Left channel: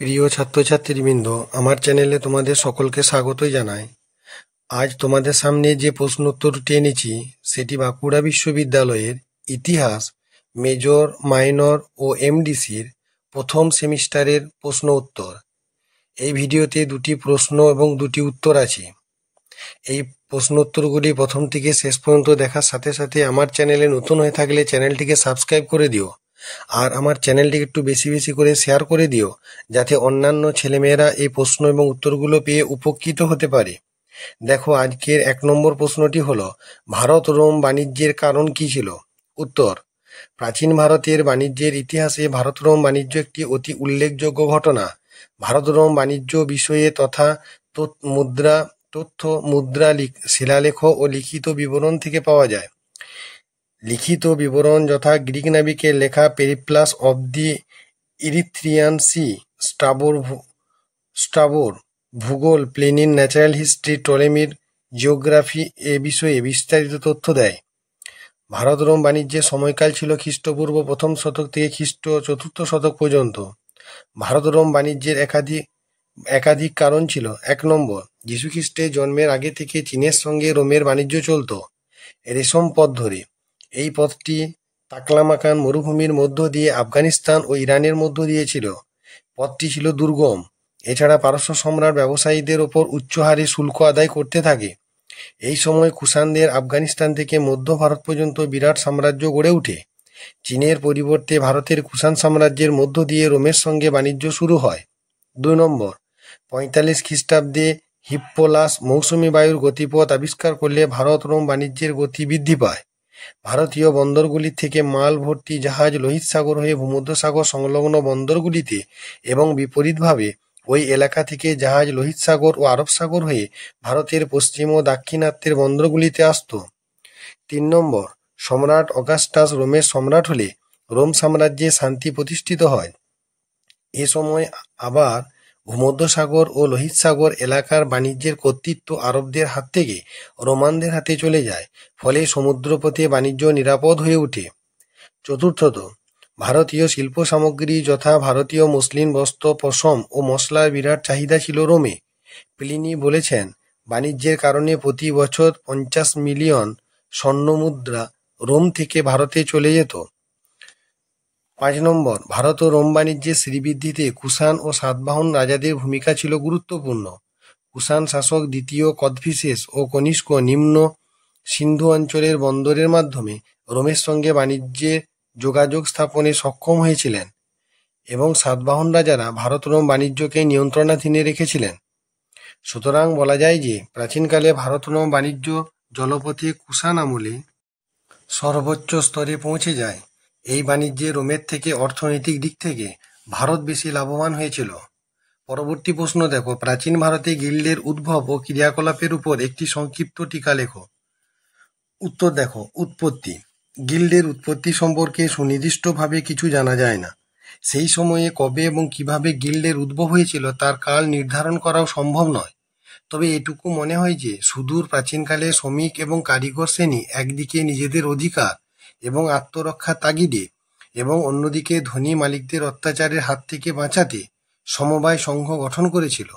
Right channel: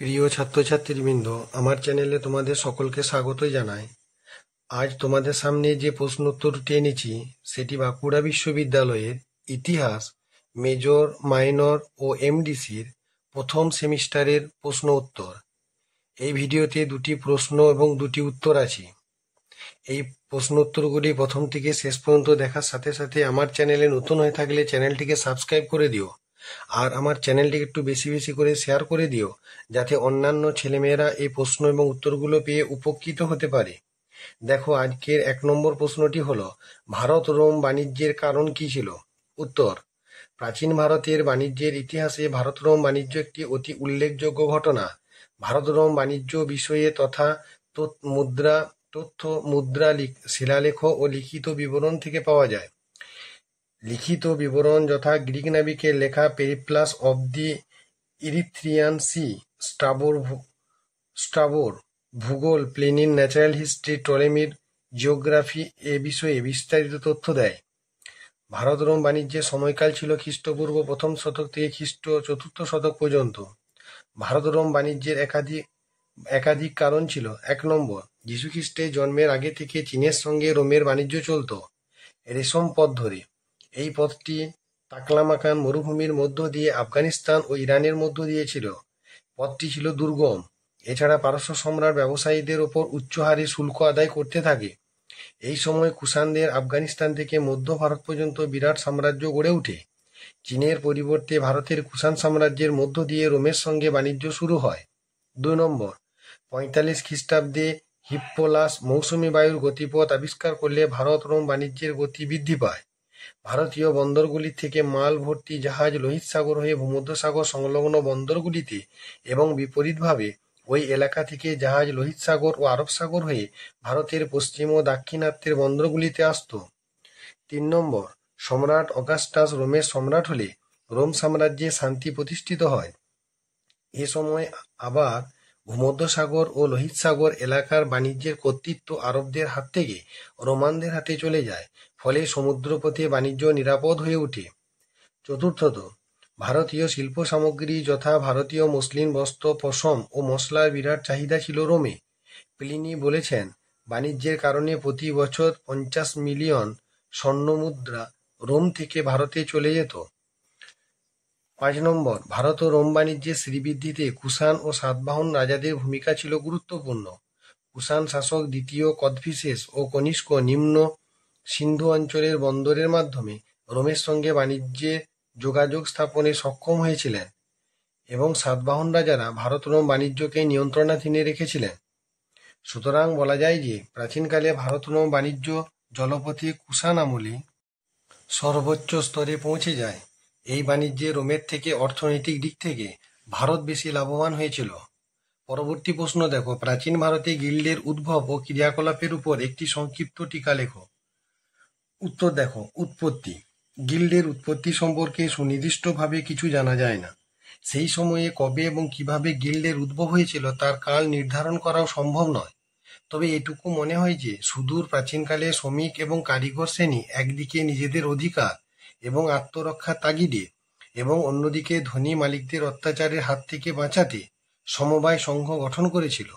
প্রিয় ছাত্রছাত্রীবৃন্দ, আমার চ্যানেলে তোমাদের সকলকে স্বাগতই জানাই। আজ তোমাদের সামনে যে প্রশ্ন উত্তরটি এনেছি সেটি বাঁকুড়া বিশ্ববিদ্যালয়ের ইতিহাস মেজর, মাইনর ও এমডিসির প্রথম সেমিস্টারের প্রশ্ন উত্তর। এই ভিডিওতে দুটি প্রশ্ন এবং দুটি উত্তর আছে। এই প্রশ্ন উত্তরগুলি প্রথম থেকে শেষ পর্যন্ত দেখার সাথে সাথে আমার চ্যানেলে নতুন হয়ে থাকলে চ্যানেলটিকে সাবস্ক্রাইব করে দিও, আর আমার চ্যানেলটিকে একটু বেশি বেশি করে শেয়ার করে দিও, যাতে অন্যান্য ছেলেমেয়েরা এই প্রশ্ন এবং উত্তরগুলো পেয়ে উপকৃত হতে পারে। দেখো, আজকের 1 নম্বর প্রশ্নটি হলো, ভারত রোম বাণিজ্যের কারণ কি ছিল? উত্তর: প্রাচীন ভারতের বাণিজ্যের ইতিহাসে ভারত রোম বাণিজ্য একটি অতি উল্লেখযোগ্য ঘটনা। ভারত রোম বাণিজ্য বিষয়ে তথ্য মুদ্রা, শিলালেখ ও লিখিত বিবরণ থেকে পাওয়া যায়। লিখিত বিবরণ যথা গ্রিক নাবিকের লেখা Periplus of the Erythraean Sea, স্ট্রাবোর ভূগোল, প্লিনির ন্যাচারাল হিস্ট্রি, টলেমির জিওগ্রাফি এ বিষয়ে বিস্তারিত তথ্য দেয়। ভারত রোম বাণিজ্যের সময়কাল ছিল খ্রিস্টপূর্ব 1ম শতক থেকে খ্রিস্ট 4র্থ শতক পর্যন্ত। ভারত রোম বাণিজ্যের একাধিক কারণ ছিল। 1 নম্বর, যীশুখ্রিস্টের জন্মের আগে থেকে চীনের সঙ্গে রোমের বাণিজ্য চলত রেশম পথ ধরে। এই পথটি তাকলামাকান মরুভূমির মধ্য দিয়ে আফগানিস্তান ও ইরানের মধ্য দিয়ে ছিল। পথটি ছিল দুর্গম। এছাড়া পারস্য সম্রাট ব্যবসায়ীদের ওপর উচ্চ হারে শুল্ক আদায় করতে থাকে। এই সময় কুষাণদের আফগানিস্তান থেকে মধ্য ভারত পর্যন্ত বিরাট সাম্রাজ্য গড়ে ওঠে। চীনের পরিবর্তে ভারতের কুষাণ সাম্রাজ্যের মধ্য দিয়ে রোমের সঙ্গে বাণিজ্য শুরু হয়। 2 নম্বর, 45 খ্রিস্টাব্দে হিপ্পোলাস মৌসুমী বায়ুর গতিপথ আবিষ্কার করলে ভারত রোম বাণিজ্যের গতি বৃদ্ধি পায়। ভারতীয় বন্দরগুলি থেকে মাল ভর্তি জাহাজ লোহিত সাগর হয়ে ভূমধ্যসাগর সংলগ্ন বন্দরগুলিতে এবং বিপরীতভাবে ওই এলাকা থেকে জাহাজ লোহিত সাগর ও আরব সাগর হয়ে ভারতের পশ্চিম ও দাক্ষিণাত্যের বন্দরগুলিতে আসত। 3 নম্বর, সম্রাট অগাস্টাস রোমের সম্রাট হলে রোম সাম্রাজ্যে শান্তি প্রতিষ্ঠিত হয়। এ সময় আবার ভূমধ্যসাগর ও লোহিত সাগর এলাকার বাণিজ্যের কর্তৃত্ব আরবদের হাত থেকে রোমানদের হাতে চলে যায়, ফলে সমুদ্রপথে বাণিজ্য নিরাপদ হয়ে ওঠে। 4র্থত, ভারতীয় শিল্প সামগ্রী যথা ভারতীয় মসলিন বস্ত্র, পশম ও মশলার বিরাট চাহিদা ছিল রোমে। প্লিনি বলেছেন, বাণিজ্যের কারণে প্রতি বছর 50 মিলিয়ন স্বর্ণমুদ্রা রোম থেকে ভারতে চলে যেত। 5 নম্বর, ভারত ও রোম বাণিজ্যের শ্রীবৃদ্ধিতে কুষাণ ও সাতবাহন রাজাদের ভূমিকা ছিল গুরুত্বপূর্ণ। কুষাণ শাসক দ্বিতীয় কদফিসেস ও কনিষ্ক নিম্ন সিন্ধু অঞ্চলের বন্দরের মাধ্যমে রোমের সঙ্গে বাণিজ্যে যোগাযোগ স্থাপনে সক্ষম হয়েছিলেন এবং সাতবাহন রাজারা ভারত রোম বাণিজ্যকে নিয়ন্ত্রণাধীনে রেখেছিলেন। সুতরাং বলা যায় যে প্রাচীনকালে ভারত রোম বাণিজ্য জলপথে কুষাণ আমলে সর্বোচ্চ স্তরে পৌঁছে যায়। এই বাণিজ্যে রোমের থেকে অর্থনৈতিক দিক থেকে ভারত বেশি লাভবান হয়েছিল। পরবর্তী প্রশ্ন দেখো, প্রাচীন ভারতে গিল্ডের উদ্ভব ও ক্রিয়াকলাপের উপর একটি সংক্ষিপ্ত টিকা লেখো। উত্তর দেখো, উৎপত্তি। গিল্ডের উৎপত্তি সম্পর্কে সুনির্দিষ্টভাবে কিছু জানা যায় না। সেই সময়ে কবে এবং কিভাবে গিল্ডের উদ্ভব হয়েছিল তার কাল নির্ধারণ করাও সম্ভব নয়। তবে এটুকু মনে হয় যে সুদূর প্রাচীনকালে শ্রমিক এবং কারিগর শ্রেণী একদিকে নিজেদের অধিকার এবং আত্মরক্ষার তাগিদে এবং অন্যদিকে ধনী মালিকদের অত্যাচারের হাত থেকে বাঁচাতে সমবায় সংঘ গঠন করেছিল।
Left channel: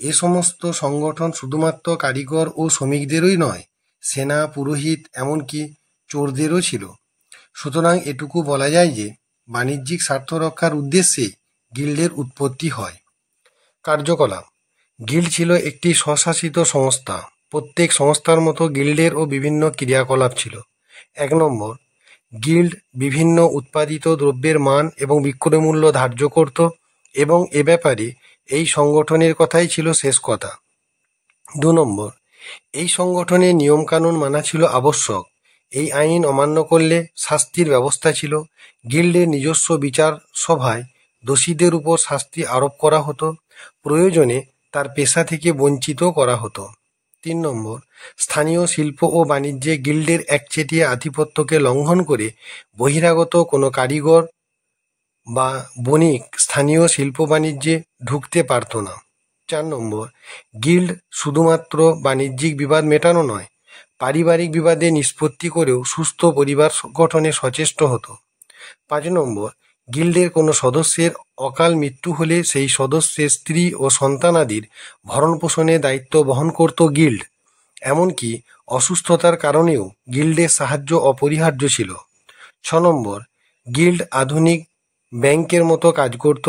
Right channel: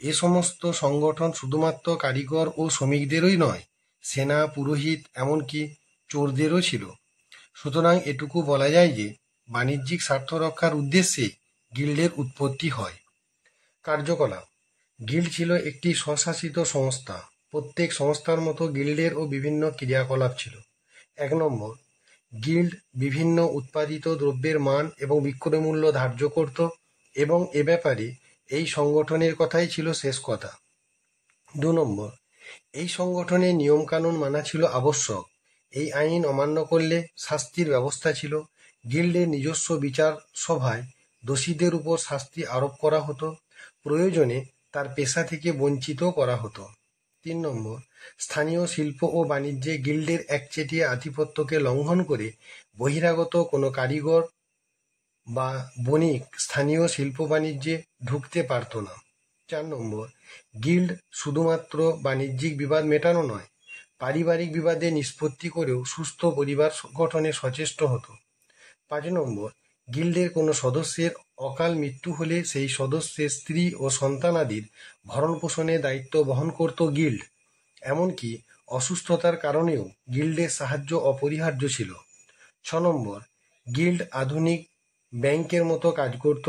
এ সমস্ত সংগঠন শুধুমাত্র কারিগর ও শ্রমিকদেরই নয়, সেনা, পুরোহিত, এমনকি চোরদেরও ছিল। সুতরাং এটুকু বলা যায় যে বাণিজ্যিক স্বার্থ রক্ষার উদ্দেশ্যে গিল্ডের উৎপত্তি হয়। কার্যকলাপ। গিল্ড ছিল একটি স্বশাসিত সংস্থা। প্রত্যেক সংস্থার মতো গিল্ডেরও বিভিন্ন ক্রিয়াকলাপ ছিল। 1 নম্বর, গিল্ড বিভিন্ন উৎপাদিত দ্রব্যের মান এবং বিক্রয় মূল্য ধার্য করত এবং এ ব্যাপারে এই সংগঠনের কথাই ছিল শেষ কথা। 2 নম্বর, এই সংগঠনের নিয়মকানুন মানা ছিল আবশ্যক। এই আইন অমান্য করলে শাস্তির ব্যবস্থা ছিল। গিল্ডের নিজস্ব বিচার সভায় দোষীদের উপর শাস্তি আরোপ করা হতো, প্রয়োজনে তার পেশা থেকে বঞ্চিত করা হতো। 3 নম্বর, স্থানীয় শিল্প ও বাণিজ্যে গিল্ডের একচেটিয়া আধিপত্যকে লঙ্ঘন করে বহিরাগত কোনো কারিগর বা বণিক স্থানীয় শিল্প বাণিজ্যে ঢুকতে পারত না। 4 নম্বর, গিল্ড শুধুমাত্র বাণিজ্যিক বিবাদ মেটানো নয়, পারিবারিক বিবাদে নিষ্পত্তি করেও সুস্থ পরিবার গঠনে সচেষ্ট হতো। 5 নম্বর, গিল্ডের কোনো সদস্যের অকাল মৃত্যু হলে সেই সদস্যের স্ত্রী ও সন্তানাদির ভরণপোষণের দায়িত্ব বহন করত গিল্ড। এমনকি অসুস্থতার কারণেও গিল্ডের সাহায্য অপরিহার্য ছিল। 6 গিল্ড আধুনিক ব্যাংকের মতো কাজ করত,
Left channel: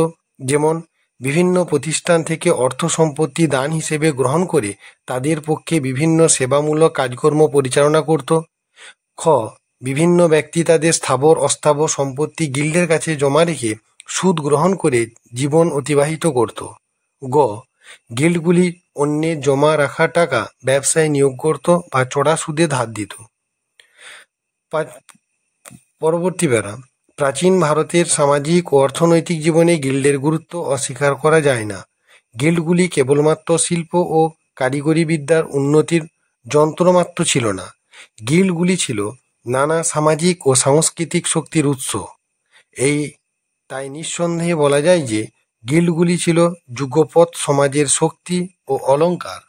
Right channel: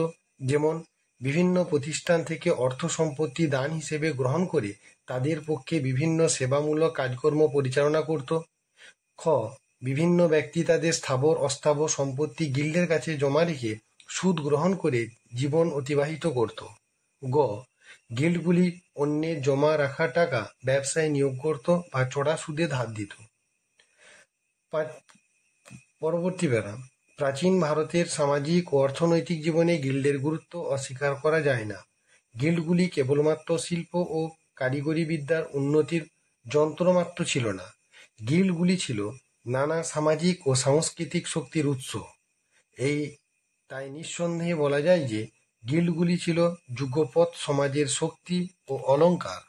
যেমন বিভিন্ন প্রতিষ্ঠান থেকে অর্থ সম্পত্তি দান হিসেবে গ্রহণ করে তাদের পক্ষে বিভিন্ন সেবামূলক কাজকর্ম পরিচালনা করত। খ বিভিন্ন ব্যক্তি তাদের স্থাবর অস্থাবর সম্পত্তি গিল্ডের কাছে জমা রেখে সুদ গ্রহণ করে জীবন অতিবাহিত করত। গ গিল্ডগুলি অন্যের জমা রাখা টাকা ব্যবসায় নিয়োগ করত বা চড়া সুদে ধার দিত। পরবর্তী প্যারা, প্রাচীন ভারতের সামাজিক ও অর্থনৈতিক জীবনে গিল্ডের গুরুত্ব অস্বীকার করা যায় না। গিল্ডগুলি কেবলমাত্র শিল্প ও কারিগরি বিদ্যার উন্নতির যন্ত্রমাত্র ছিল না, গিল্ডগুলি ছিল নানা সামাজিক ও সাংস্কৃতিক শক্তির উৎস। তাই নিঃসন্দেহে বলা যায় যে গিল্ডগুলি ছিল যুগপৎ সমাজের শক্তি ও অলংকার।